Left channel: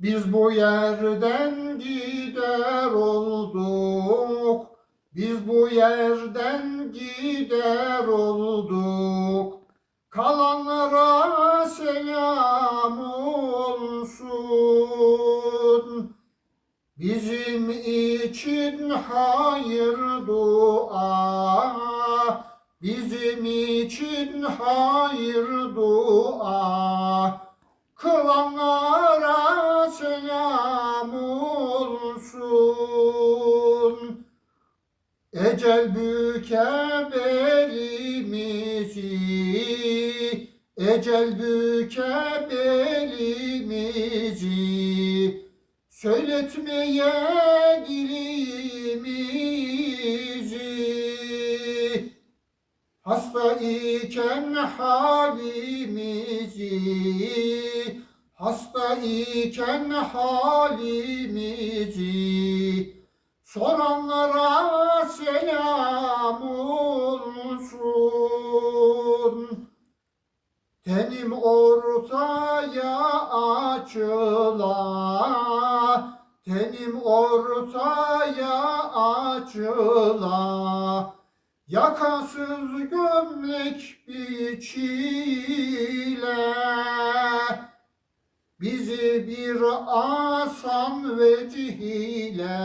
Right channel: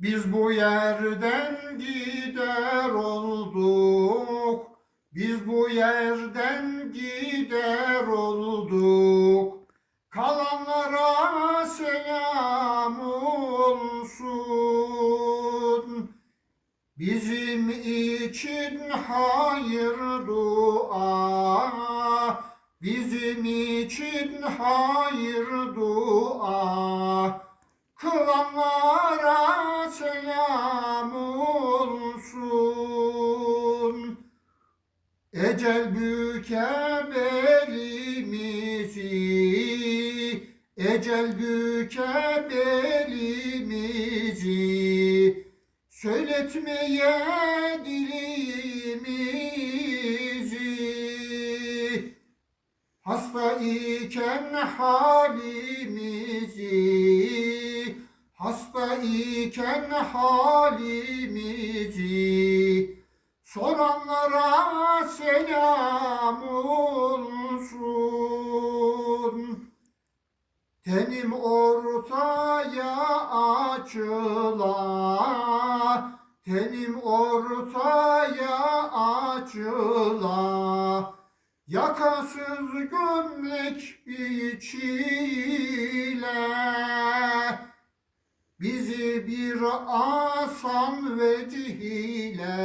Biz bu yerden gider olduk. Biz bu yerden gider olduk. Kalanlara selam olsun. Bizim için hayır dua. Bizim için hayır Ecel büker ecel büker söyletmeye dilimizi. Hasta iken halimizi, hasta iken halimizi, soranlara Tenim ortaya açıla, tenim ortaya açıla. Yakasız gömlek biçile. Bizi bir asan vecihle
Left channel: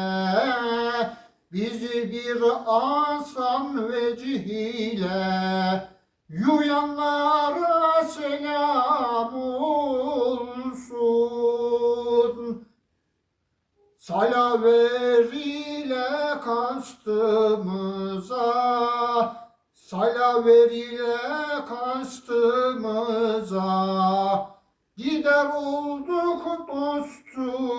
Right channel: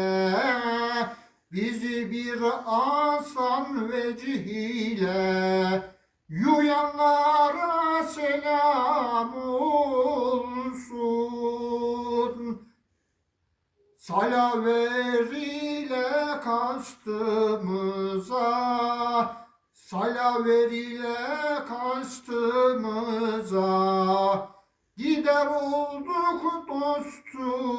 Bizi bir asan vecihle Yuyanlara selam olsun. Salaveriyle kastımıza Salaveriyle kastımıza Gider olduk dostumuza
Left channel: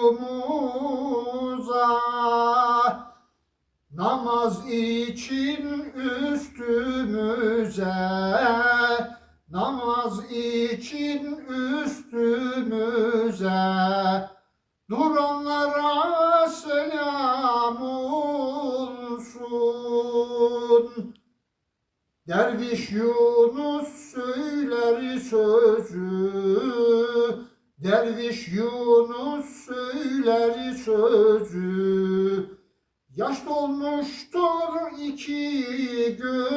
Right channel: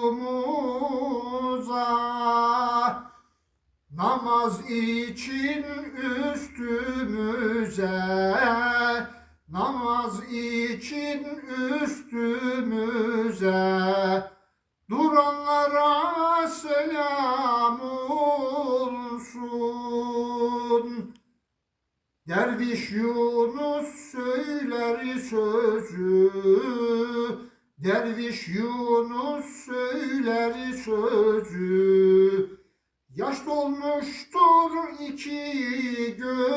Namaz için üstümüze Namaz için üstümüze Duranlara selam olsun. Derviş Yunus söyler sözü, Derviş Yunus söyler sözü. Yaş dolmuştur iki gözü.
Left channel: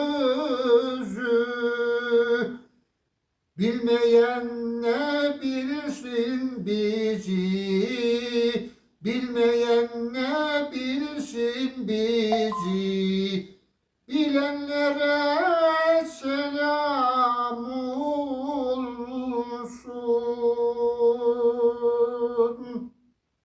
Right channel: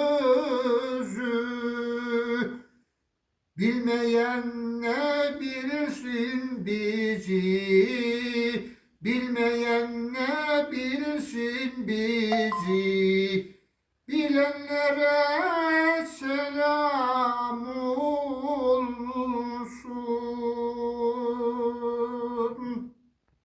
Bilmeyen ne bilirsin bizi? Bilmeyen ne bilirsin bizi?